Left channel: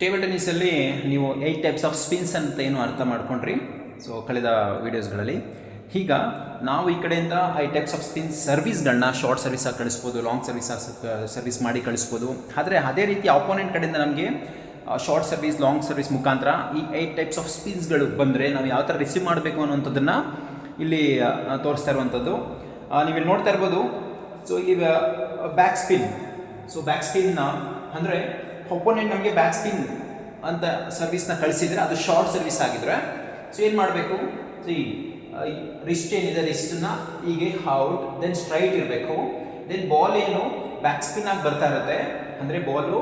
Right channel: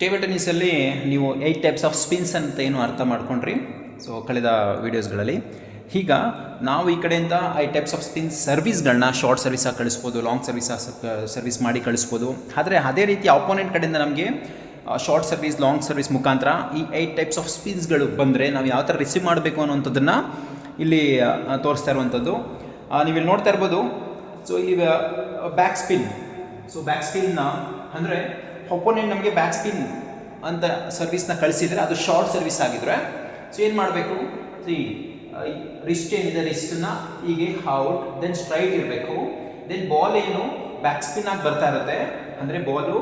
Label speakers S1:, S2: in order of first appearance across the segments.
S1: Table ಟೆನ್ನಿಸಲ್ಲಿ ನೀವು eight types of spins ಅಂತ ಏನು ಅರ್ಥ ಮಾಡ್ಕೊಂಡ್ರಿ? ಸೊ ಕಳೆದ ವೀಡಿಯೋಸ್ಗಳಲ್ಲಿ ಈಗ ನಾವು ಈ ಕಡೆಯಿಂದ ಐ ಟೈಪ್ಸ್ ಆಫ್ ಸ್ಪಿನ್ ಸರ್ವಿಸ್ಗಳನ್ನ ಶಾರ್ಟ್ ಸರ್ವಿಸಾಗಿ ಕಳಿಸ್ಬೋದು ಲಾಂಗ್ ಸರ್ವಿಸ್ ಸರ್ವಿಸ್ ಮಾಡಿ ಕಳಿಸ್ಬೋದು. ಆದರೆ ಅದೇ ರೀತಿ ಅಪೋನೆಂಟ್ ಕಡೆಯಿಂದ ನಮಗೆ ಶಾರ್ಟ್ ಸರ್ವಿಸ್ ಲಾಂಗ್ ಸರ್ವಿಸ್ ಮುಖಾಂತರ ಈ ಏಯ್ಟ್ ಟೈಪ್ಸ್ ಆಫ್ ಸ್ಪಿನ್ಸ್ಗಳು ಬಂದರೆ ನಾವು ಯಾವ ಥರ ರಿಸೀವ್ ಮಾಡಬೇಕು ಅನ್ನೋಂಥದ್ದನ್ನು ಇಲ್ಲಿ ತೋರಿಸ್ತಾ ಇರುವಂಥದ್ದು. ನೀವಿಲ್ಲಿ ನೋಡ್ತಾ ಇರ್ಬೋದು. ಸೊ ಈಗ ಬ್ಯಾಕ್ ಸ್ಪಿನ್ ಸೊ ಬ್ಯಾಕ್ ಸ್ಪಿನ್ನ ಅಂದರೆ ಒಪೋನೆಂಟ್ ನಮಗೆ ಬ್ಯಾಕ್ ಸ್ಪಿನ್ ಅಂತ ಸರ್ವಿಸ್ನ ಕಳಿಸಿದರೆ ಅದು ಶಾರ್ಟ್ ಸರ್ವಿಸ್ ಆಗಿದ್ರೆ ಸೊ ಏನು ಮಾಡಬೇಕು? ಈ ರಿಸ್ಟ್ ಏನಿದೆ ರಿಸ್ಟನ್ನ ಹೀಗೆ ಔಟ್ ದೆನ್ ಸ್ಟ್ರೈಟ್ ಇರಬೇಕು. ದೆನ್ ಬಾಲ್ ಏನು ಬ್ಯಾಕ್ ಸ್ಪಿನ್ ಆಗಿ ಬರ್ತಾ ಇರುತ್ತೆ. ಅಂದರೆ ಬಾಲು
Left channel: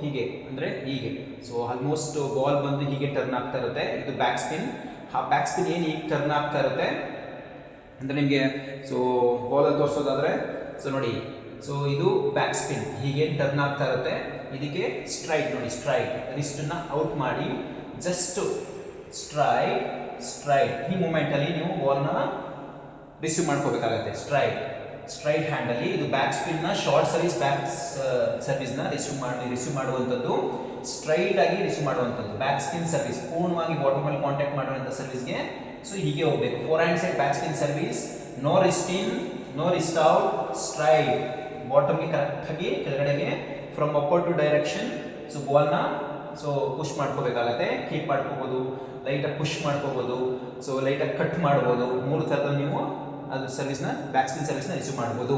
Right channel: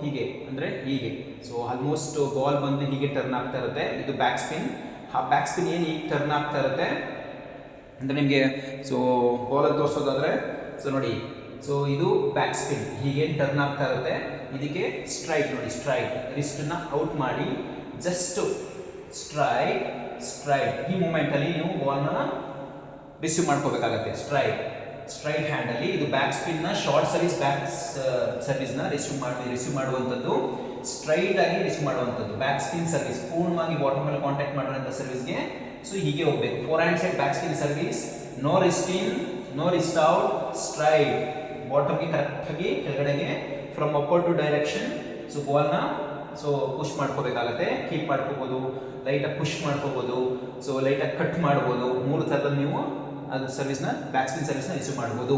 S1: ಹೀಗೆ, ಅಂದರೆ ಹೀಗೆ. ಸೊ ಆಲ್ಮೋಸ್ಟ್ ಬಾಲ್ ಬಂದು ಹೀಗೆ ಟರ್ನ್ ಆಗ್ತಾ ಇರುತ್ತೆ. ಇದು ಬ್ಯಾಕ್ ಸ್ಪಿನ್ ಆ ಬ್ಯಾಕ್ ಸ್ಪಿನ್ ಏನು ಹೀಗೆ ಟರ್ನ್ ಆಗ್ತಾ ಇರುತ್ತೆ? ಅಂದರೆ ನಿಮಗೆ ಸೊ ಬಾಲಲ್ಲಿ ತೋರಿಸೋದಾದ್ರೆ ಸೊ ನೋಡಿ ಸೊ ಇದು ಬ್ಯಾಕ್ ಸ್ಪಿನ್ ಹೀಗೆ ಟರ್ನ್ ಆಗ್ತಾ ಇರುತ್ತೆ. ಇದಕ್ಕೆ ಸ್ಟ್ರೈಟ್ ನೋಡಿ ಸ್ಟ್ರೈಟ್ ರಿಸ್ಟನ್ನ ಔಟ್ ಮಾಡಿ ಜಸ್ಟ್ ಸ್ಟ್ರೈಟ್ ಸ್ಟ್ರೈಟ್ ಈ ಮೂಮೆಂಟಲ್ಲಿ ನೀವು ಬಾಲ್ನ ರಿಸೀವ್ ಮಾಡ್ಕೋಬೇಕಾಗತ್ತೆ. ಸ್ಟ್ರೈಟ್ ಸ್ಟ್ರೈಟ್ ಹ್ಯಾಂಡಲ್ಲಿ ಇದು ಬ್ಯಾಕ್ ಸ್ಪಿನ್ನ ಶಾರ್ಟ್ ಸರ್ವಿಸ್ ಬ್ಯಾಕ್ ಸರ್ವಿಸ್ನ ರಿಸೀವ್ ಮಾಡಿ ರಿಸೀವ್ ಮಾಡುವಂಥದ್ದು. ಸ್ಟ್ರೈಟ್ ಆಗಿ ರಿಸೀವ್ ಮಾಡುವಂಥದ್ದು. ಬ್ಯಾಕ್ ಸ್ಪಿನ್ ಸರ್ವಿಸ್ ಪೂರ್ಣವಾಗಿ ಬಾಟಮ್ ಮೇಲೆ ಕಾಂಟ್ಯಾಕ್ಟ್ ಮಾಡುವಂಥ ಸರ್ವಿಸ್ಗೆ ಸೊ ಹೀಗೆ ಹೋಗಬೇಕು. Forehand side back spin service no wrist in no wrist out straight ಬಾಟಮ್ಗೆ ಕರೆಕ್ಟಾಗಿ ಕೆಳಗಡೆಗೆ from upper to direction so ಬಾಲ್ನ so push ಮಾಡ್ಕೋಬೇಕಾಗತ್ತೆ. ಕೀಪ್ ಮಾಡ್ಕೋಬೋದು. ಲೈಟಾಗಿ ಪುಷ್ ಮಾಡ್ಕೋಬೋದು. ಸೊ ಲೈಟಾಗಿ ಕಟ್ ಮಾಡ್ಬೋದು. ಮೂರು ಥರದಲ್ಲಿ ನೀವು ಅದು ಸರ್ವಿಸ್ನ ಬ್ಯಾಕ್ ಸ್ಪಿನ್ ಸರ್ವಿಸ್ನ ರಿಸೀವ್ ಮಾಡ್ಬೋದು.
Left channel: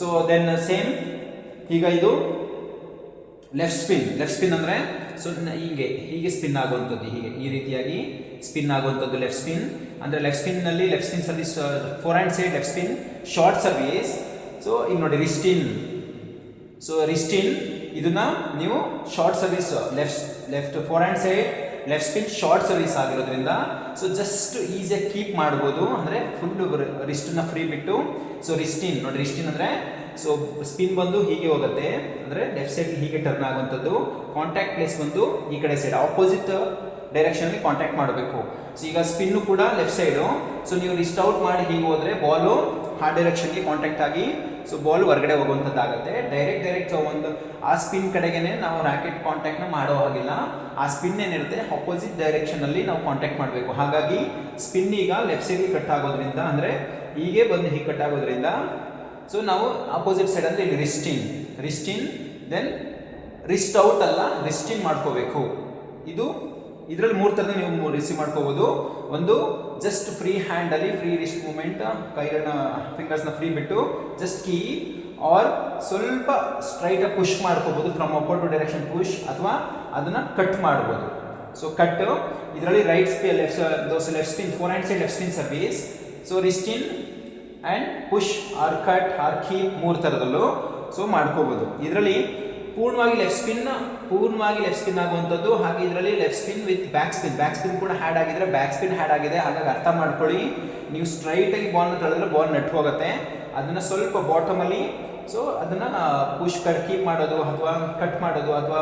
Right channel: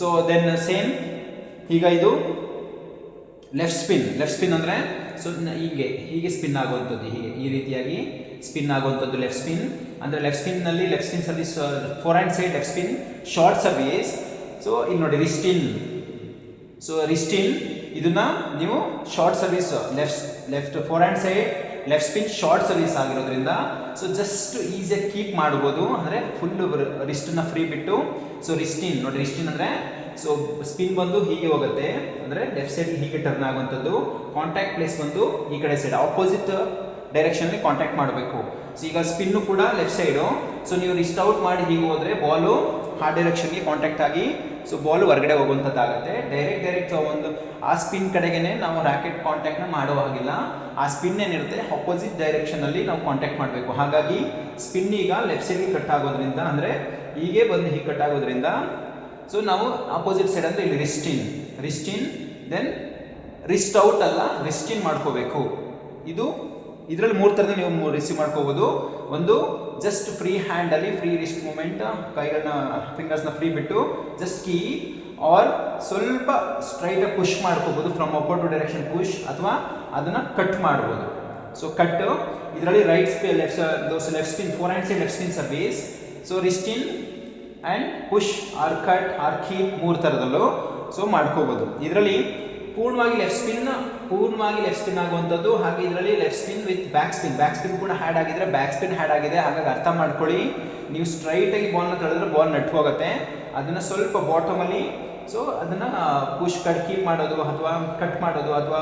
S1: ಸೊ ದೆನ್ ಸೇಮ್ ಈಗ ಇದು ಲೆಫ್ಟ್ ಸ್ಪಿನ್ ಲೆಫ್ಟ್ ಸ್ಪಿನ್ ಅಂದರೆ ಸೊ ಹೀಗೆ ಹೀಗೆ ಸ್ಪಿನ್ ಆಗುವಂಥದ್ದು. ಹೀಗೆ, ಈ ರೀತಿಯಾಗಿ ಸ್ಪಿನ್ ಆಗುವಂಥದ್ದು ಲೆಫ್ಟ್ ಸ್ಪಿನ್ ಅಂದರೆ left ಸ್ಪಿನ್ನಲ್ಲಿ left spin service forehand side left spin short service so ಈಗ ನೋಡಿ wrist in so wrist in ಇದನ್ನ ನೀವು short service left left forehand side left spin short service ಆಗಿರೋದ್ರಿಂದ ಸೊ ಜಸ್ಟ್ ಈಸಿಯಾಗಿ keep ಮಾಡ್ಬೋದು. ಅಂದರೆ full ರಿಸ್ಟನ್ನ ಫ್ರೀ ಬಿಟ್ಟು ಸೊ ರಿಸ್ಟಿನ್ ನೋಡಿ ರಿಸ್ಟಿನ್ ಅಂದರೆ ಸೊ ಸ್ಪಿನ್ ಬಂದು ಹೀಗೆ ಹೋಗುತ್ತೆ. ಅಂದರೆ ಲೆಫ್ಟ್ ಸೈಡ್ ಹೀಗೆ ಟರ್ನ್ ಆಗುವಂಥದ್ದು. ಕಾಂಟ್ಯಾಕ್ಟ್ ಪ್ಲೇಸ್ ಬಂದು ಈ ಕಡೆ ಸೈಡ್ ಆಪೋಸಿಟ್ ಡೈರೆಕ್ಷನಲ್ಲಿ ಕಾಂಟ್ಯಾಕ್ಟ್ ಮಾಡಬೇಕು. ಸೊ ಈಗ ಸ್ಪಿನ್ನು ಕೂಡ ಲೆಫ್ಟ್ ಸೈಡು ಸೊ ನೀವು ರಿಸ್ಟ್ ಔಟ್ ಮಾಡಿ ಹೀಗೆ ಹೋದರೆ ಬಾಲು ಆ ಡೈರೆಕ್ಷನ್ಗೆ ಕಾಂಟ್ಯಾಕ್ಟ್ ಆಗಿ ಸೊ ಬಾಲ್ ಹೊರಗಡೆ ಹೋಗುವಂಥದ್ದಾಗುತ್ತೆ. ಡೈರೆಕ್ಟ್ ಡೈರೆಕ್ಟ್ ಒಂದು, ಆ ಸ್ಪಿನ್ ಕಡೆಗೇನೆ ನಾವು ರ್ಯಾಕೆಟ್ ಕಾಂಟ್ಯಾಕ್ಟ್ನ ಮಾಡೋ ಹಾಗಿಲ್ಲ. ಆ ಸ್ಪಿನ್ ಏನಿರುತ್ತೆ ಅಪೋಸಿಟ್ ಡೈರೆಕ್ಷನಲ್ಲಿ ನಾವು ಕಾಂಟ್ಯಾಕ್ಟ್ ಮಾಡಬೇಕು. ಹಾಗಾಗಿ ಸ್ಪಿನ್ ಈಗ ಲೆಫ್ಟ್ ಸೈಡ್ಗೆ ಕಟ್ ಆಗೋದ್ರಿಂದ, ಅಂದರೆ ಹೀಗೆ ಬಂದು ಹೀಗೆ ಕಟ್ ಆಗೋದ್ರಿಂದ ಸೊ ನಾವು ಅಪೋಸಿಟ್ ಸೈಡ್ ಅಂದರೆ ಇಲ್ಲಿ wrist in wrist in then wrist out ಅಲ್ಲ ರಿಸ್ಟಿನ್ ಮಾಡ್ಕೋಬೇಕು. ಇದು ಇದರಲ್ಲಿ ಮೂರು ಥರದ ನೀವು ರಿಸೀವ್ ಮಾಡ್ಕೋಬೋದು. ಒಂದು ಜಸ್ಟ್ ಫ್ರೀ ಹ್ಯಾಂಡಲ್ಲಿ ಫ್ರೀ ರಿಸ್ಟ್ ಮೂಮೆಂಟ್ ಕೈಗಳನ್ನ ಫಿಂಗರ್ಸ್ನ ಫ್ರೀ ಬಿಟ್ಟು ಜಸ್ಟ್ ಕೀ ಆರ್ ಸ್ವಲ್ಪ ಸ್ಟ್ರೈಟಾಗಿ ಪುಷ್ ಮಾಡ್ಕೋಬೋದು from upper to direction push ಅಥವಾ ಅದನ್ನು ಕಟ್ ಮಾಡ್ಬೋದು. ಸೊ ಕಟ್ ಇದರಲ್ಲಿ right spin left left spin forehand side left spin service so wrist in and push or cut or keep ಮೂರು ಥರದಲ್ಲೂ. So ಮಾಡ್ಕೋಬೋದು. ಇದರಲ್ಲಿ ಪೂರ್ಣವಾಗಿ ಲೆಫ್ಟ್ ಸ್ಪಿನ್ ಪೂರ್ಣವಾಗಿ ಲೆಫ್ಟ್ ಸ್ಪಿನ್ ಆಗುವಂಥದ್ದು, ಹಾಗೆ ಇದರಲ್ಲಿ left spin with back spin back spin ಕೂಡ ಹ್ಯಾಡ್ ಆಗಿದ್ರೆ ಬ್ಯಾಕ್ ಸ್ಪಿನ್ ಹ್ಯಾಡ್ ಆಗಿದೆ. ಹಾಗಾಗಿ ಅರ್ಥ ಮಾಡ್ಕೊಳ್ಳಿ. ನೀವು ಸ್ಟ್ರೈಟಾಗಿ ಬಾಲ್ನ ತಳೆದ್ರೆ ಬಾಲ್ ನಟ್ ಹೋಗುತ್ತೆ. ಅದನ್ನು ಸ್ವಲ್ಪ ಬಾಟಮಲ್ಲಿ ಸೊ ಅದನ್ನು ಪುಷ್ ಕಟ್ ಕೀಪ್ ಮಾಡೋದು, ಅಥವಾ ಕಟ್ ಮಾಡೋದು, ಅಥವಾ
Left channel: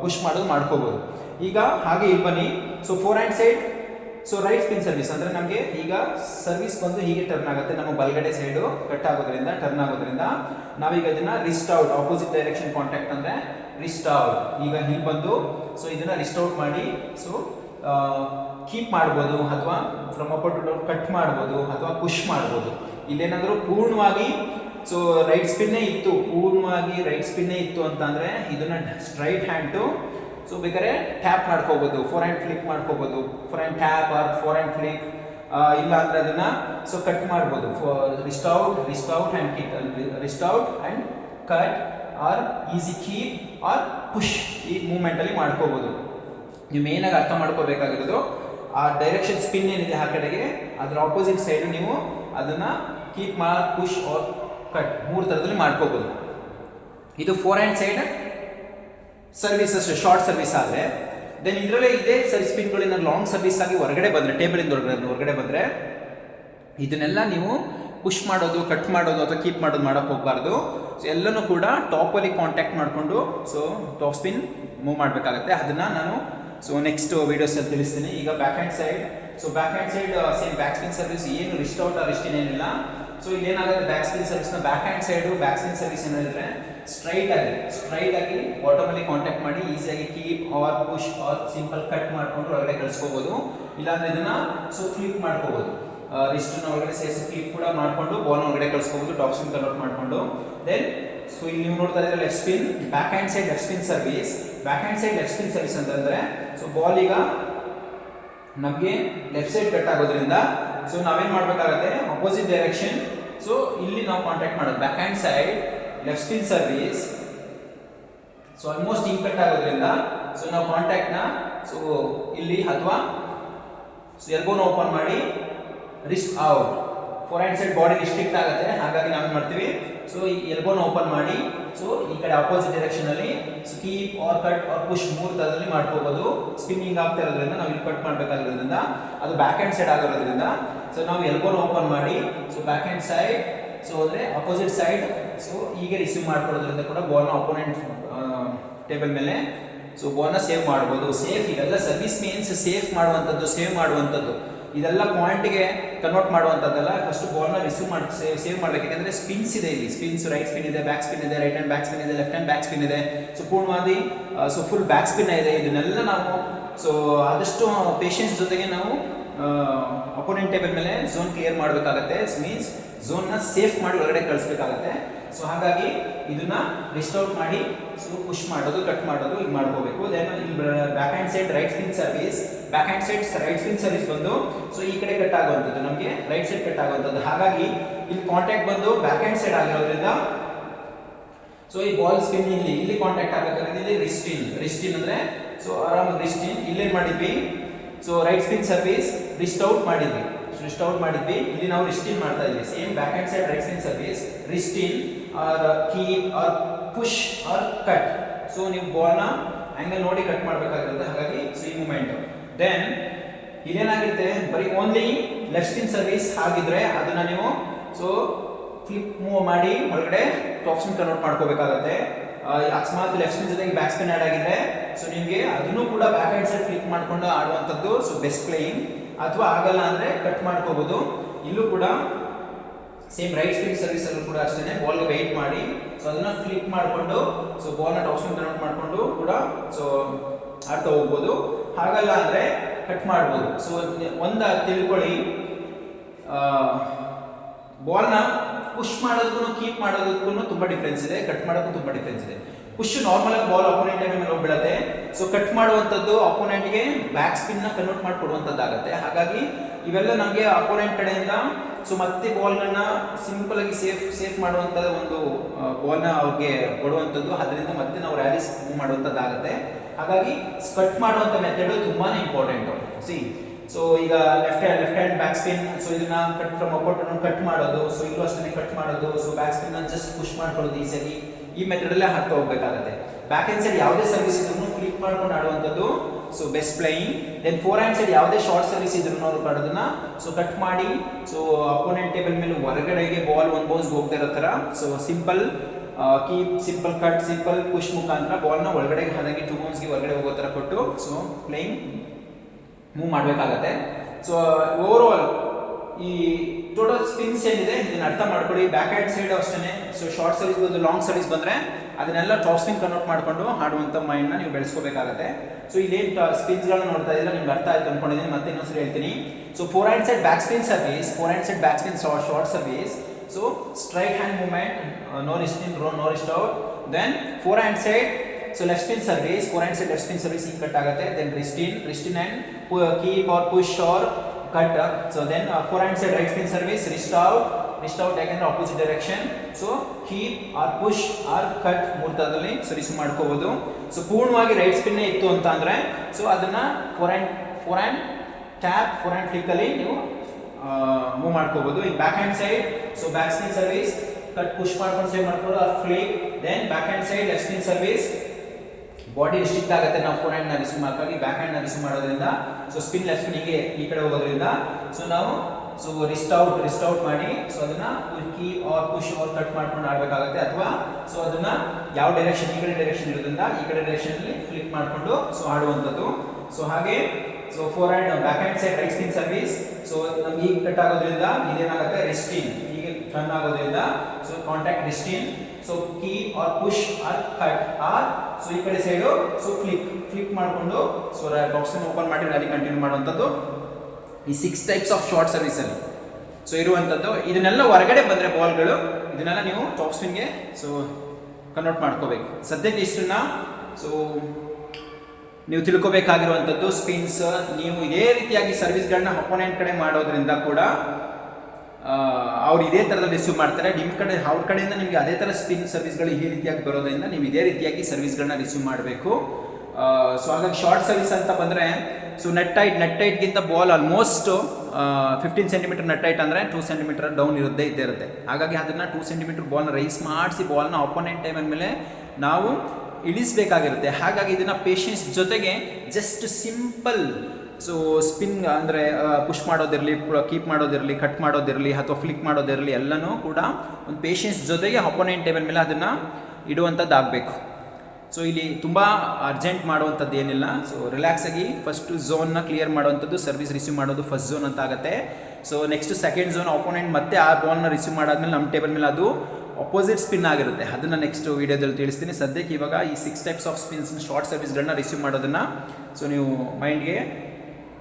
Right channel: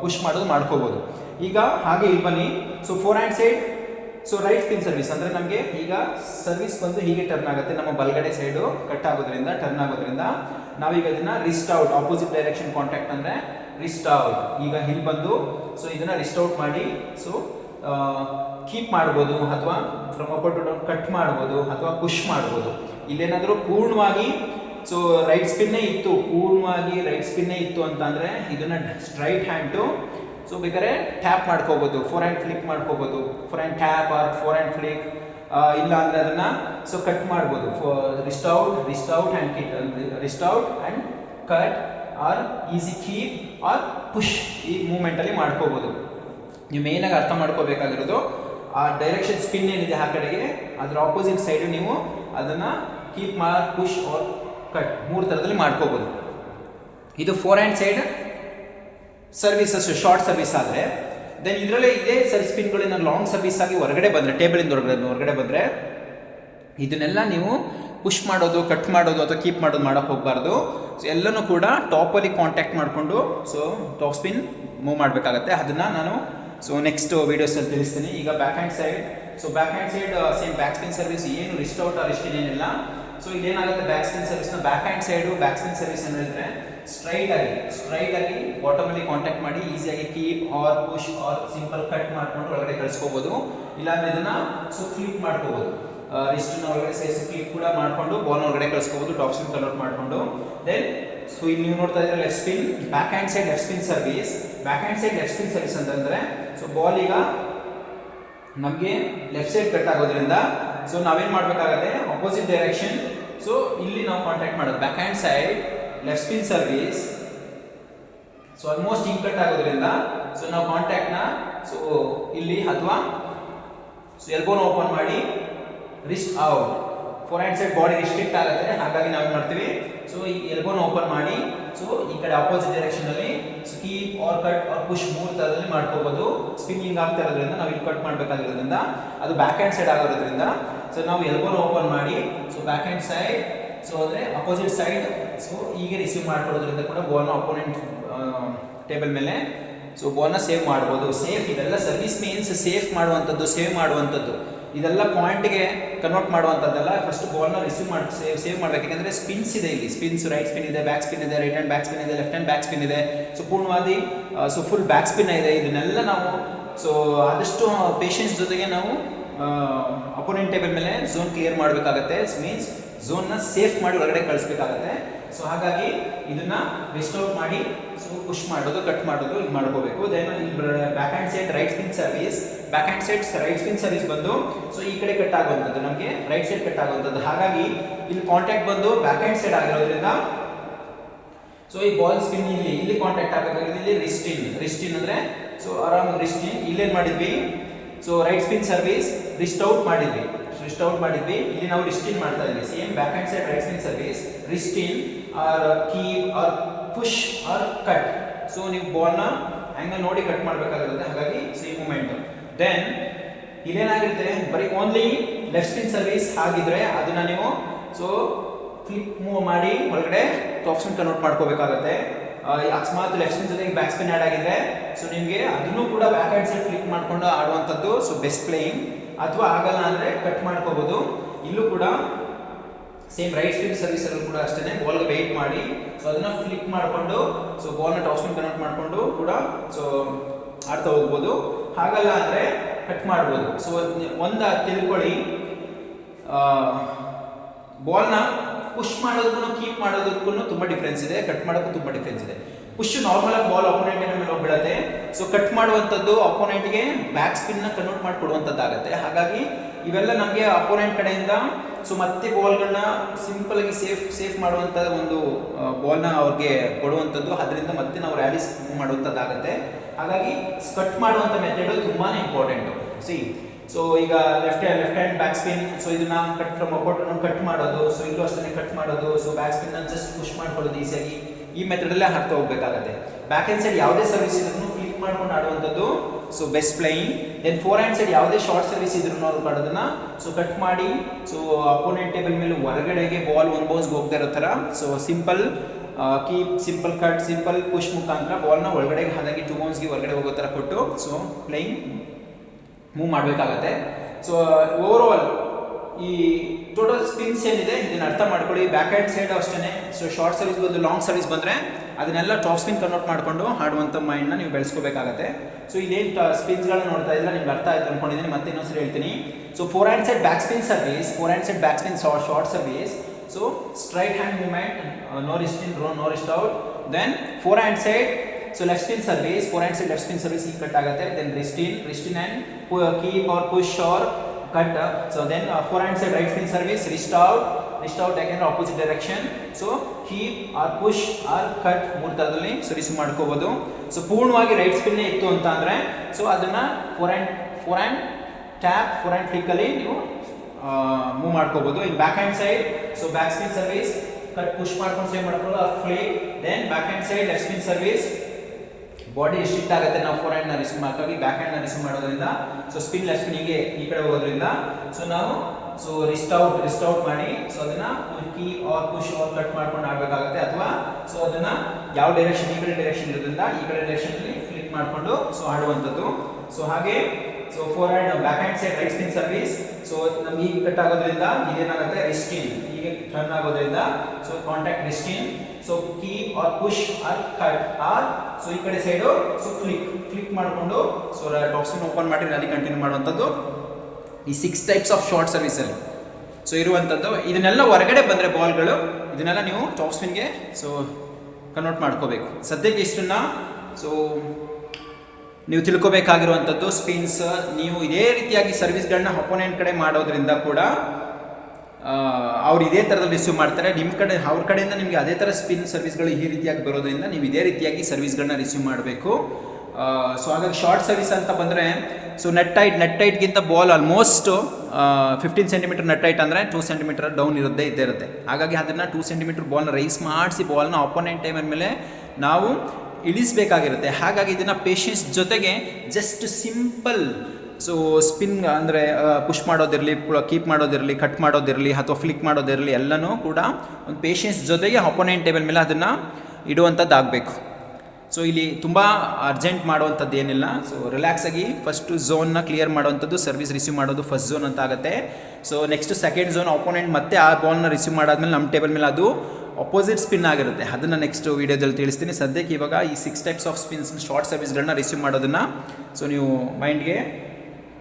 S1: ಪುಷ್ ಮಾಡೋದು ಮಾಡ್ಕೋಬೋದು. ಈಗ ಹಾಗೆ ಇಲ್ಲಿ ಬನ್ನಿ. So forehand side so right spin service ಅಂದರೆ ನಮಗೆ ಈಗ ಸರ್ವಿಸ್ ಬಂದು ಹೀಗೆ ಟರ್ನ್ ಆಗುತ್ತೆ. ನಮ್ಮ ಬಲಗಡೆ ಸೈಡು ಕಟ್ ಆಗೋದ್ರಿಂದ ಟರ್ನ್ ಆಗೋದ್ರಿಂದ ನಾವೀಗ ಇದನ್ನ wrist out opposite direction contact ಅಂದರೆ ರಿಸ್ಟ್ ಔಟ್ ಈಗ ಹಿಲ್ ಬಂದು ಸೊ ಇದನ್ನ ರಿಸ್ಟ್ ಔಟ್ ಮಾಡಿ ಸೊ ಕೀಪ್ ಮಾಡ್ಬೋದು ಅಥವಾ from upper to down cut ಮಾಡ್ಬೋದು ಅಥವಾ ಪುಷ್ ಮಾಡ್ಬೋದು. ಇಲ್ಲೇನಾದರೂ ಪೂರ್ಣವಾಗಿ ಸೊ ರೈಟ್ ಸ್ಪಿನ್ನೇ ಇತ್ತು. ಪೂರ್ಣವಾಗಿ ರೈಟ್ ಸ್ಪಿನ್ನೇ ಇತ್ತು ಅಂತಂದರೆ ಇದನ್ನ ಸ್ಟ್ರೈಟ್ ಹ್ಯಾಂಡು ಸೊ ಬೇಕಾದ್ರೆ ಟ್ಯಾಪ್ ಮಾಡ್ಕೋಬೋದು ಫೋರ್ ಆ್ಯಂಡ್ ಫ್ಲಿಕ್ ಮಾಡ್ಕೋಬೋದು forehand tap or forehand flick ಇಲ್ಲ ಅಂದರೆ ಅದನ್ನು ಸೊ ಕಟ್ ಮಾಡ್ಬೋದು. Wrist wrist out wrist out and cut wrist out and cut or easy keep or push ಈ ಮೂಮೆಂಟಲ್ಲಿ ಮಾಡ್ಕೋಬೋದು. ನೀವು ಮೇಯ್ನಾಗಿ ಅರ್ಥ ಮಾಡ್ಕೋಬೇಕಾಗಿರೋದು, ಆ ಡೈರೆಕ್ಷನ್ ಸ್ಪಿನ್ ಏನಿದೆ ಆ ಕಡೆಗೆ, ಅದರ ಆಪೋಸಿಟ್ ಸೈಡ್ ನೀವು ಅದನ್ನು keep Mar push or cut ಮೂರು ಥರದಲ್ಲಿ ಮಾಡ್ಕೋಬೋದು. ಇದು forehand side services short service ಆದರೆ ದೆನ್ ಇದರಲ್ಲೇ ಇದೇ ಸರ್ವಿಸ್ ಪಿನ್ಗಳಿಂದ ಲಾಂಗ್ ಸರ್ವಿಸ್ ಆಗಿ ಹೊರಗಡೆ ಬಂದರೆ ಟೇಬಲಿಂದ ಹೊರಗಡೆ ಹೊರಗಡೆ ಬಂದರೆ, ಇದನ್ನೆಲ್ಲ ನೀವು ಪುಷ್ ಮಾಡೋದು ಕಟ್ ಮಾಡೋದು ಅಥವಾ ಕೀಪ್ ಮಾಡೋದು ಮಾಡೋಕ್ಕೆ ಹೋಗಬಾರ್ದು. ಸೊ ಎಲ್ಲನೂ ಕೂಡ ಟಾಪಲ್ಲಿ ಕಾಂಟ್ಯಾಕ್ಟ್ ಮಾಡಿಕೊಂಡು ಸೊ ಟಾಪ್ ಸ್ಪಿನ್ ಮೂವ್ ಮಾಡಬೇಕಾಗತ್ತೆ. ಅದನ್ನು ನಾನು ಸೊ ನೆಕ್ಸ್ಟ್ ವೀಡಿಯೋಸಲ್ಲಿ ತಿಳಿಸ್ತೀನಿ. ಈಗ backhand side so backhand side same back spin service ಏನು ರಿಸ್ಟ್ ಔಟ್ ರಿಸ್ಟ್ ಏನಿಲ್ಲ. ಸೊ ಇದೇನಾಗುತ್ತೆ ಬ್ಯಾಕ್ ಸ್ಪಿನ್ ಸರ್ವಿಸ್ನ backhand side back spin service ಏನು ಹೇಳಿದ್ರೆ ಸ್ಟ್ರೈಟ್ ಆಗಿ ಸ್ಟ್ರೈಟ್ ಆಗಿ ಬಾಟಮ್ ಅಲ್ಲಿ ಕಾಂಟ್ಯಾಕ್ಟ್ ಮಾಡಿ ಈಸಿಯಾಗಿ keep or push or simple cut ಮಾಡ್ಕೊಂಡು ಒಳಗಡೆ ಕಳಿಸ್ಕೋಬಹುದು ಇಲ್ಲಾಂದ್ರೆ ಇದನ್ನ ಸೊ ಫ್ಲಿಪ್ ಮಾಡ್ಕೋಬಹುದು ರಿಸ್ಟ್ನ ಒಳಗಡೆ ಸೇರಿಸಿ ಕ್ಲಿಪ್ ಕೂಡ ಮಾಡಿಕೊಂಡು ಬಾಲ್ ಒಳಗಡೆ ಕಳಿಸ್ಕೋಬಹುದು ಟಾಪ್ ಸ್ಪಿನ್ ಕನ್ವರ್ಟ್ ಮಾಡ್ಕೊಂಡು. ದೆನ್ ಸೊ ಇಲ್ಲಿ ನೀವು ನೋಡ್ತಾ ಇದ್ರೆ left spin backhand side left spin service backhand side left spin service ಅಂತಂದ್ರೆ ಸೊ ಬಾಲ್ ಈಗ ನಮಗೆ ಲೆಫ್ಟ್ ಸೈಡ್ ಕಟ್ ಆಗೋದ್ರಿಂದ ಸೊ ನಾವೇನ್ ಮಾಡ್ಬೇಕಾಗತ್ತೆ? ಅಪೋಸಿಟ್ ಡೈರೆಕ್ಷನ್ ಸೊ ಇಲ್ಲಿ ನಾವು ಕಾಂಟ್ಯಾಕ್ಟ್ ಮಾಡೋದು. Backhand side left spin service so almost impact cut ಆಗೋದ್ರಿಂದ ಸೊ ನಾವು ಕಾಂಟ್ಯಾಕ್ಟ್ನ ಸೊ ಇಲ್ಲಿ ಅಥವಾ ಸೊ ಎಲ್ಬೋನ ಓಪನ್ ಮಾಡಿ wrist out forehand side body restrict ಆಗುತ್ತೆ, ಹಾಗಾಗಿ ನಾವು ಮಾಡ್ತೀವಿ ಸೊ ಈ ಎಲ್ಬೋನ ಓಪನ್ ಮಾಡಿ ಸೊ ಈ ಕಡೆ ಅಪೋಸಿಟ್ ಡೈರೆಕ್ಷನ್ ಅಲ್ಲಿ keep or cut or push ಮೂರು ತರದಲ್ಲಿ ಮಾಡ್ಕೋಬಹುದು ಸ್ಪಿನ್ನಿಂಗ್ ಆಗ್ತಾ ಇರೋದ್ರಿಂದ ನಾವು ಇಲ್ಲಿ ಕಟ್ ಅದು ಬ್ಯಾಕ್ ಹ್ಯಾಂಡ್ ಸೈಡ್ ಆಗೋದ್ರಿಂದ ಸೊ ನಾವು ಎಲ್ಬೋನ ಓಪನ್ ಮಾಡಿ so backhand side so ಅಂದರೆ ಅಪೋಸಿಟ್ ಸೈಡ್ ಸೊ ಹೀಗೆ ರಿಸೀವ್ ಮಾಡ್ಕೊಡೋದ್ರಿಂದ ಕೂಡ ಬೋರ್ನ ಅಪೋನೆಂಟ್ ಟೇಬಲ್ ಮೇಲೆ ಸೊ ಬೋನ್ನ ಸೇವ್ ಮಾಡ್ಬೋದು. ಸೇಫ್ ಇವೆಲ್ಲ ಸರ್ವಿಸ್ ಮೀನ್ಸ್ ಸೇಫ್ ಮಾಡುವಂಥದ್ದು ಸೇವ್ ಮಾಡುವಂಥದ್ದು. ಇದೆಲ್ಲ ಪಾಯಿಂಟ್ಗೆ ಕನ್ವರ್ಟ್ ಮಾಡುವಂಥದ್ದಲ್ಲ. ಫಸ್ಟ್ ಬಾಲ್ನ ರಿಸೀವ್ ಮಾಡಿ ಸೇವ್ ಸೇವ್ ಮಾಡ್ಬೇಕು. ಯಾಕಂದ್ರೆ ಸ್ಪಿನ್ಸ್ ಇದೆ ಇಲ್ಲಿ. ಸ್ಪಿನ್ಸ್ ರೈಟ್ ಸ್ಪಿನ್ ಇದೆ ಬ್ಯಾಕ್ ಸ್ಪಿನ್ ಇದೆ ರೈಟ್ ಹ್ಯಾಂಡ್ ಬ್ಯಾಕ್ ಸ್ಪಿನ್ ಇದೆ ಲೆಫ್ಟ್ ಹ್ಯಾಂಡ್ ಬ್ಯಾಕ್ ಸ್ಪಿನ್ ಇದೆ. ಸೊ ಪೂರ್ಣವಾಗಿ ಸೊ ಫುಲ್ ಬ್ಯಾಕ್ ಸ್ಪಿನ್ ಇದೆ. ಇದನ್ನೆಲ್ಲ ನಾವು ಸೊ ಆದಷ್ಟು ಪೇಷನ್ಸ್ ಜೊತೆಗೆ ನಾವು ಅಪೋನೆಂಟ್ ಟೇಬಲ್ ಮೇಲೆ ಝೋನ್ ಕ್ಲಿಯರ್ ಮಾಡಬೇಕಾಗತ್ತೆ. ಮೀನ್ಸ್ ಝೋನ್ನ ಸೇಫ್ ಮಾಡಿ ಒಳಗಡೆ ಕಳಿಸ್ಬೇಕಾಗತ್ತೆ. ಸೊ ಹಾಗಾಗಿ ಇದನ್ನ ಔಟ್ ಮಾಡಿ ಸೊ ಪುಷ್ ಮಾಡೋದು ಕಟ್ ಮಾಡೋದು, ಇದು ಮಾಡ್ಕೋಬೇಕು. Then backhand side right spin service backhand side right spin service ಬಂದು ಸೊ ಈ ಕಡೆ ಕಟ್ ಆಗುವಂಥದ್ದು, ನಮಗೆ ರೈಟ್ ಸೈಡ್ ಕಟ್ ಆಗುವಂಥದ್ದು. ಹಾಗಾಗಿ, ಇಲ್ಲಿ ಕಾಂಟ್ಯಾಕ್ಟ್ ಬಂದು ಬ್ಯಾಕ್ ಹ್ಯಾಂಡ್ ಸೈಡ್ ಆಗಿರೋದ್ರಿಂದ ಸೊ ಈ ಬಾಲ್ ಸ್ಪಿನ್ ಇಲ್ಲಿ ಇಲ್ಲಿ ಕಾಂಟ್ಯಾಕ್ಟ್ ಆಗಬೇಕಾದ್ರೆ ಇಲ್ಲಿ ರಿಸ್ಟಿನ್ ರಿಸ್ಟಿನ್ ಅಂದ್ರೆ ಸೊ ಆರಾಮ್ ರಿಸ್ಟಿನ್ ಇಲ್ಲೇನ್ ಮಾಡಿದ್ವಿ? So right spin service wrist out ಮಾಡಿದ್ವಿ. ರಿಸ್ಟ್ ಔಟ್ ಮಾಡಿದ್ವಿ. ಇಲ್ಲಿ ನಾವು ರಿಸ್ಟಿನ್ ಮಾಡ್ತಾ ಇದ್ವಿ same backhand side right spin service wrist in or keep or push or cut. So ನೀವು ಬಾಲ್ನ ಹಂಗೆ ನೋಡಿ ಕಟ್ ಮಾಡಬೇಕಾಗುತ್ತೆ ಹಾಗಾಗಿ ಸಿ ಮೂಮೆಂಟ್ ದೆನ್ ಇಲ್ಲೇನಾಗಿರುತ್ತೆ ಬರೀ ಓನ್ಲಿ ಲೆಫ್ಟ್ ಸ್ಪಿನ್ ಸರ್ವಿಸ್ ಆಗಿದ್ರೆ ಅದನ್ನ ನೀವು ಸೊ ಫ್ಲಿಪ್ ಮೂವ್ ಮಾಡಿ ಒಳಗಡೆ ಟಾಪ್ ಸ್ಪಿನ್ ಕನ್ವರ್ಟ್ ಮಾಡ್ಕೋಬೇಕಾಗತ್ತೆ. ಅಕಸ್ಮಾತ್ ಲೆಫ್ಟ್ ಸ್ಪಿನ್ ಜೊತೆಗೆ ಬ್ಯಾಕ್ ಸ್ಪಿನ್ ಆಡ್ ಆಗಿದ್ರೆ ಸೊ ನಿಮಗೆ ಅದನ್ನು ಕೂಡ ಬ್ಯಾಕ್ ಹ್ಯಾಂಡ್ ಸೈಡ್ ಫ್ಲಿಪ್ ಮಾಡ್ಕೊಂಡು ಆಡುವಂಥದ್ದು ಸೊ ಬೆಸ್ಟ್ ಪ್ಲೇಯಿಂಗ್ ಅಥವಾ ಆಗಲ್ಲ ಅಂದರೆ ಕಟ್ ಮಾಡ್ಕೋಬೋದು. ಇಲ್ಲೂ ಕೂಡ ಸೇಮ್ ರೈಟ್ ಸ್ಪಿನ್ ಸರ್ವಿಸ್ ಅಲ್ಲೂ ಕೂಡ ಅಷ್ಟೇ ಬಾಲ್ ವೆಯ್ಟ್ ಮಾಡಿ ಸೊ ಅದನ್ನ ಫ್ಲಿಪ್ ಮಾಡಿಕೊಂಡು ಸೊ ಬಾಲ್ನ ಟಾಪ್ ಸ್ಪಿನ್ ಕನೆಕ್ಟ್ ಮಾಡಿಕೊಂಡು ಕೂಡ ಸೊ ಆಡ್ತಾ ಹೋಗ್ಬೋದು. ಹಾಗಲ್ಲ ಅಂದ್ರೆ ಕಟ್ ಮಾಡ್ಬೋದು. ಸೊ ಒಂದ ತಿಳ್ಕೊಳ್ಳಿ. ಬಾಲ್ನ ಪುಷ್ ಮಾಡೋದಕ್ಕೂ ಕೀಪ್ ಮಾಡೋದಕ್ಕೂ ತುಂಬಾ ಡಿಫ್ರೆನ್ಸ್ ಇದೆ ಕಟ್ ಮಾಡೋದಕ್ಕೂ ತುಂಬಾ ಡಿಫ್ರೆನ್ಸ್ ಇದೆ. ಪುಷ್ ನಾರ್ಮಲ್ ಆಗಿ ಬಾಲ್ ಅಪೋನೆಂಟ್ ಮೇಲೆ ಬೀಳುತ್ತೆ. ಸೊ ಕಟ್ ಮಾಡುವಂಥದ್ದು ಅಪೋನೆಂಟ್ಗೆ ಬ್ಯಾಕ್ ಸ್ಪಿನ್ನ ಕನ್ವರ್ಟ್ ಮಾಡಿಕೊಡುವಂಥದ್ದಾಗುತ್ತೆ. ಹಾಗಾಗಿ ಇವೆಲ್ಲ ನಮಗೆ ಅಪೋನೆಂಟ್ ಕಡೆಯಿಂದ ಸೊ ಮತ್ತೆ ಬಾಲ್ಗಳನ್ನ ಸಿಂಪಲ್ ಆಗಿ ಸೇಫ್ ಸೇಫ್ ಮಾಡುವಂತ ಒಂದು ಬಾಲ್ನ ಅವ್ರಿಗೆ ಕೊಡುವಂಥದ್ದು. ಅದರಿಂದ ಮತ್ತೆ ನಾವು ರ್ಯಾಲೀಸ್ ಮಾಡುವಂಥದ್ದಾಗುತ್ತೆ. ಹಾಗಾಗಿ ಕಟ್ ಮಾಡುವಂಥ ಮೆಥಡ್ ತುಂಬಾ ಇಂಪಾರ್ಟೆಂಟ್ ಸಿ ಸೊ ಈಗ left hand left hand backspin so ಇದನ್ನ ಕಟ್ ಫ್ರಮ್ ಅಪೋರ್ಟ್ ಕಟ್ ಮಾಡೋದು ಸೊ ಇಲ್ಲೂ ಅಷ್ಟೇ ಕಟ್ ಮಾಡೋದು so backspin just push ಮಾಡ್ಕೊಳ್ಳೋದು ಈಸಿಯಾಗಿ ಈ ಮೆಥಡ್ ಅಲ್ಲೇ ಹಾಕ್ತಾ ಹೋಗ್ಬೇಕಾಗತ್ತೆ. ಬ್ಯಾಕ್ ಹ್ಯಾಂಡ್ ಸೈಡ್ ಯಾವುದೇ ಸರ್ವಿಸ್ ಇದ್ರೂ ಕ್ಲಿಕ್ ಮಾಡ್ಕೊಂಡು ಆಡುವಂಥದ್ದು so best playing then forehand side ಯಾವುದೇ ಶಾರ್ಟ್ ಸರ್ವಿಸ್ ಇದ್ರೂ ಅವ್ರು ಮಾಡೋದನ್ನ ಸೊ ಕಟ್ ಮಾಡಿ ಸೊ ಅಪೋನೆಂಟ್ ಟೇಬಲ್ ಮೇಲೆ ಹೊರಗಡೆಗೆ ಬಾಲ್ ಒಂದು ಬೋಸ್ ಹೋಗ್ತಾ ಇರೋ ಥರ so simple keep simple cut simple push ಮುಖಾಂತರ ಬಾಲ್ನ ಒಳಗಡೆ ಹಾಗಾಗಿ ಟು ಬೌನ್ಸ್ಗೆ ಹೊರಗಡೆ ಹೋಗೋ ಥರ ಕೊಟ್ಟು ಸೊ ಪ್ಲೇಯಿಂಗ್ ಮೂವ್ ಮಾಡಬೇಕಾಗತ್ತೆ. ಸೊ ಓವರ್ ಆಲ್ ಈ ಟೋಟಲ್ ಸ್ಪಿನ್ಸ್ ಏನಿದೆ, ಇದನ್ನ ಅರ್ಥ ಮಾಡ್ಕೊಳ್ಳಿ. ಬ್ಯಾಕ್ ಹ್ಯಾಂಡ್ ಸೈಡ್ ಅಷ್ಟೇ ಸೊ ಶಾರ್ಟ್ ಸರ್ವಿಸ್ ಬಂದು ಲಾಂಗ್ ಸರ್ವಿಸ್ ಬಂದ್ರೆ, ಅದನ್ನೆಲ್ಲ ಟಾಪ್ ಸ್ಪಿನ್ ಕನ್ವರ್ಟ್ ಮಾಡಿಕೊಂಡು ಆಡುವಂಥ ಮೈಂಡ್ನ ನೀವು ಬೆಳೆಸ್ಕೋಬೇಕಾಗತ್ತೆ. ಸೊ ಇಲ್ಲೇನು ಸ್ಪಿನ್ಸ್ಗಳನ್ನ ನೋಡ್ತಾ ಇದ್ರೆ ನಿಮ್ಗೆ ಅರ್ಥ ಆಯ್ತು ಅನ್ಕೊಂಡಿದ್ದೀನಿ. ಮತ್ತೆ ಇನ್ನೊಂದ್ಸರಿ ಹೇಳ್ತೀನಿ. So forehand side backspin service forehand side backspin short service so straight hand movement no wrist in rho no wrist out then forehand side so left spin service forehand side left spin service ಈ cut ಆಗುತ್ತೆ. Then wrist in wrist in and keep or push or cut then forehand side right spin service wrist out wrist out ಯಾಕೆಂದ್ರೆ opposite direction so keep or push or cut ಮೂರು ಥರದಲ್ಲಿ service ಮಾಡ್ಕೋಬಹುದು so ಪೂರ್ಣವಾಗಿ right ಸ್ಪಿನ್ನೇ ಇತ್ತು ಅಂತ ಅಂದ್ರೆ ಸೊ ಅದನ್ನ forehand forehand tap forehand ಕ್ಲಿಕ್ಕಲ್ಲಿ ನೀವು ಮೂವ್ ಮಾಡ್ಕೋಬಹುದು in backhand side so backspin service cut push ಮಾಡ್ಕೊಂಡು ಸೇವ್ ಮಾಡ್ಕೊಳ್ಳೋ or flick then backhand side left spin service body restrict ಆಗುತ್ತೆ ನಾವು ಫೋರ್ ಹ್ಯಾಂಡ್ನ ರಿಸೀವ್ ಹಾಗಾಗಿ ಬ್ಯಾಕ್ ಹ್ಯಾಂಡ್ನ ರಿಸೀವ್ ಮಾಡೋದ್ರಿಂದ ಸೊ ಸ್ಪಿನ್ ಲೆಫ್ಟ್ ಸ್ಪಿನ್ಗೆ ಈ ಕಡೆ ಹೋಗೋದ್ರಿಂದ ಸೊ ನಾವು so wrist out wrist out ಮಾಡಿ ಸೊ ಅದನ್ನ keep or push or cut ಮಾಡ್ಕೊಂಡು ಆಡಬೇಕಾಗುತ್ತೆ. ಅಥವಾ ಸೊ ಅದನ್ನ ಯಾವ ಡೈರೆಕ್ಷನ್ ಈ ಕಡೆ ಡೈರೆಕ್ಷನ್ ಇರೋದ್ರಿಂದ ಈ ಕಡೆ ಡೈರೆಕ್ಷನ್ ಅಲ್ಲಿ ಫ್ಲಿಪ್ ಮಾಡಿಕೊಂಡು ಸೊ ಆಡುವಂಥದ್ದು. ಸೊ ಹಾಗೆ so forehand backhand side right spin service so ನಮ್ಗೆ ಈಗ ಕಟ್ ಆಗೋದ್ರಿಂದ ಇದೇನಾಗುತ್ತೆ? ರಿಸ್ಟಿನ್ ಹೀಗೆ ಟರ್ನ್ ಆಗೋದ್ರಿಂದ so contact wrist in so keep or push or cut or so ಈ ಕಡೆ ಸೈಡು ಸೊ ಕ್ಲಿಕ್ ಕ್ಲಿಕ್ ಮಾಡಿಕೊಂಡು ಸೊ ಸ್ಪಿನ್ ಓಪನ್ ಮಾಡಿ ರ್ಯಾಲಿ ಕಂಟಿನ್ಯೂ ಮಾಡುವಂಥದ್ದು. ಈ ಸಿಕ್ಸ್ ಟೈಪ್ಸ್ ಆಫ್ ಶಾರ್ಟ್ ಸರ್ವಿಸಲ್ಲಿ ಸೊ ಇರುವಂಥದ್ದು, ಇದನ್ನೆಲ್ಲ ಹೊರಗಡೆ ಬಂದರೆ ಬಾಲ್ಗಳು ಇದನ್ನೆಲ್ಲ ನೀವು ಟಾಪ್ ಸ್ಪಿನ್ಗೆ ಸೊ ಕನ್ವರ್ಟ್ ಮಾಡ್ಕೋಬೇಕು. ಸದ್ಯಕ್ಕೆ ಇಷ್ಟನ್ನ ಸೊ ನೀವು ತಿಳ್ಕೊಬೇಕಾಗಿರುವಂಥದ್ದು ಸ್ಪಿನ್ಸ್ ನೀವು ಇದೇ ರೀತಿಯಾಗಿ ಸರ್ವಿಸ್ಗಳನ್ನ ಅಪೋನೆಂಟ್ ಕಡೆ ಮಾಡೋದ್ರಿಂದ ಕೂಡ ಅವ್ರು ಇದೇ ಥರದ ರಿಸೀವ್ ಮಾಡ್ತಾರೆ. ನಿಮ್ಮ ಕಡೆ, ಅವ್ರ ಕಡೆಯಿಂದ ನಿಮಗೆ ಅದೇ ಥರ ಸ್ಪಿನ್ ಸರ್ವಿಸ್ಗಳು ಈ ರೀತಿಯಾಗಿ ಬರೋದ್ರಿಂದ ನೀವು ಇದೇ ರೀತಿಯಾಗಿ ಸರ್ವಿಸ್ಗಳನ್ನ ರಿಸೀವ್ ಮಾಡಬೇಕು. ಸೊ ಹಾಗಾಗಿ ಶಾರ್ಟ್ ಸರ್ವಿಸ್ ಅಂತ ಬಂದರೆ so net tight net ಟೈಟ್ಗಿಂತ ball almost fifteen centimetre net tight ಅಂದರೆ ಟೂ ಸೆಂಟಿಮೀಟರ್ ಡೌನ್ ಇರೋದೇ ಇದ್ದೇ ಇರುತ್ತೆ. ಹಾಗಾಗಿ ಅದನ್ನು ಟೂ ಸೆಂಟಿಮೀಟರ್ ಬಾಲ್ನ ರೈಸ್ ಮಾಡಿಸಿ ಬಾಲ್ನ ಆಪೋನೆಂಟ್ ಟೈಮ್ ಮೇಲೆ ನಾವು ಇಳಿಸಬೇಕಾಗಿರುತ್ತೆ. ಹಾಗಾಗಿ ಇದನ್ನು ಪೇಷನ್ಸ್ ಜೊತೆಗೆ ಜಸ್ಟ್ ಸಿಂಪಲ್ ಸೊ ಸ್ಪಿನ್ ಅಂದರೆ ಪುಷ್ ಮಾಡೋದಿರಲಿ ಕೀಪ್ ಮಾಡೋದಿರಲಿ ಕಟ್ ಮಾಡೋದಿರಲಿ, ಅಥವಾ ಫ್ಲಿಕ್ ಮಾಡೋದಿರಲಿ, ಎಲ್ಲನೂ ಕೂಡ ಒಂದು ಪೇಷನ್ಸ್ ಜೊತೆಗೆ ಅಪೋನೆಂಟ್ ಟೇಬಲ್ ಮೇಲೆ ಅದನ್ನು ಇಡುವಂಥದ್ದು ಆಗಬೇಕು ಸೊ ಇಲ್ಲಿ ತುಂಬ ಅರ್ಜೆಂಟ್ ಮಾಡುವಂಥದ್ದು ಏನಿಲ್ಲ. ಸೊ ರಿಲ್ಯಾಕ್ಸ್ ಆಗಿ ಫಸ್ಟ್ ಝೋನ್ನ ಕ್ಲಿಯರ್ ಮಾಡುವಂಥದ್ದು ಸರ್ವಿಸ್ ರಿಸೀವ್ ಮಾಡೋದು ಫಸ್ಟ್ ಝೋನ್ ಅಂತ ಆಗುತ್ತೆ. So next second zone opponent ಮತ್ತೆ ಆ ಬಾಲ್ನ ರಿಸೀವ್ ಮಾಡಾದ್ಮೇಲೆ ನಮ್ಮ ಟೇಬಲ್ ಮೇಲೆ ಅದು ಅಪೋಸಿಟ್ ಸ್ಪಿನ್ ಆಗಿರುತ್ತೆ. ಅದನ್ನು ನೆಕ್ಸ್ಟ್ ವೀಡಿಯೋದಲ್ಲಿ ತಿಳಿಸ್ತೀನಿ. ಸದ್ಯಕ್ಕೆ ಇವಾಗ ಈ six types of spins short ಸರ್ವಿಸ್ಗಳನ್ನ receive ಮಾಡೋದನ್ನು ಸೊ ನೀವು ಮೈಂಡ್ಗೆ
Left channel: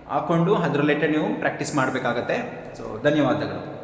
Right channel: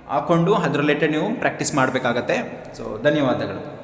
S1: ಹಾಕ್ಕೊಂಡು ಅದರ ನೀವು ಪ್ರಾಕ್ಟೀಸ್ ಮಾಡಬೇಕಾಗತ್ತೆ. ಸೊ ಧನ್ಯವಾದಗಳು.